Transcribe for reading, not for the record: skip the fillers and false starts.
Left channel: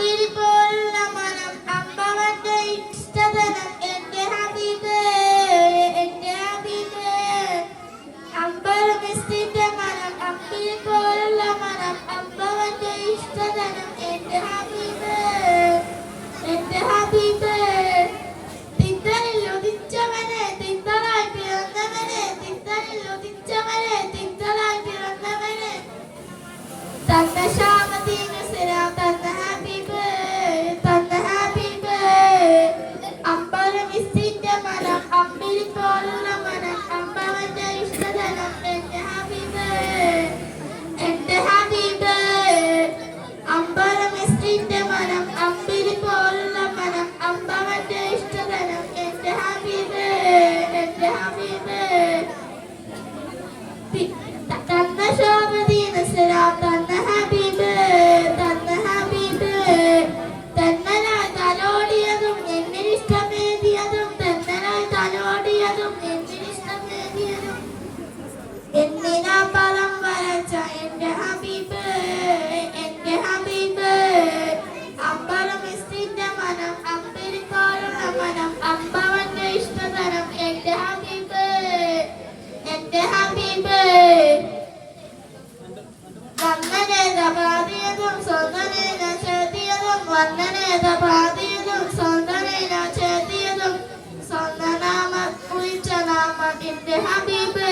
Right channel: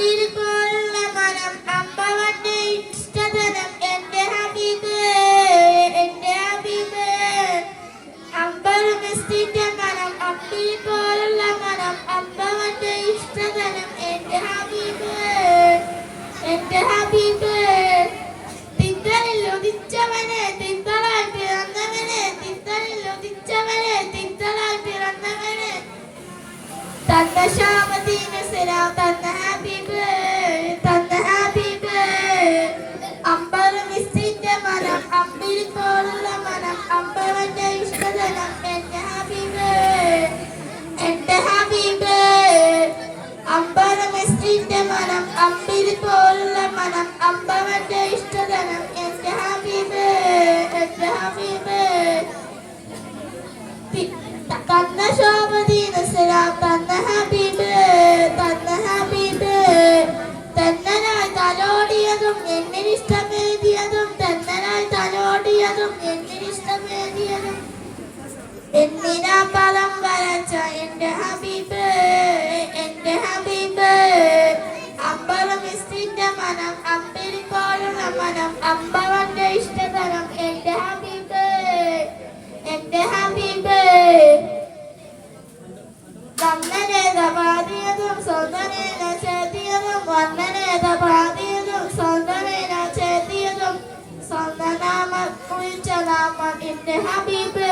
അമ്പിളി പോലുള്ള മനം അമ്പവന്റെ ഇഷ്ടധനം എന്റെ ഹബീബ് എന്റെ ഹബീബ് അമ്പലമിസ്തിന്റെ മനം അമ്പിളി പോലുള്ള മനം അമ്പവന്റെ ഇഷ്ടധനം എന്റെ ഹബീബ് എന്റെ ഹബീബ് തിങ്കളിൽ ഉദിച്ചവനെ തിങ്കളായി പിറന്നവനെ തിങ്കളിൽ ഉദിച്ചവനെ തിങ്കളായി പിറന്നവനെ തന്ന ശാമദീന സലാം തന്ന ഹബീബ് അമ്പലമിസ്തിന്റെ മനം അമ്പിളി പോലുള്ള മനം അമ്പവന്റെ ഇഷ്ടധനം എന്റെ ഹബീബ് എന്റെ ഹബീബ് അമ്പലമിസ്തിന്റെ മനം അമ്പിളി പോലുള്ള മനം അമ്പവന്റെ ഇഷ്ടധനം എന്റെ ഹബീബ് എന്റെ ഹബീബ് തന്ന ശോഭദീന സലാം തന്ന ഹബീബ് തന്നനായി തലോടിയതും എന്നിഷ്ടമേതിയതും തന്നനായി തലോടിയതും എന്നിഷ്ടമേതിയതും എന്നിനാ പദം വരച്ച എന്റെ ഹബീബ് അമ്പലമിസ്തിന്റെ മനം അമ്പിളി പോലുള്ള മനം അമ്പവന്റെ ഇഷ്ടധനം എന്റെ ഹബീബ് എന്റെ ഹബീബ് വന്ദനേത പാതിയതും സ്വന്തനേന ചേത്തിയതും വന്ദനേത പാതിയതും സ്വന്തനേന ചേത്തിയതും സ്വന്തനാമം കുറിച്ച നാമം എന്റെ ഹബീബ്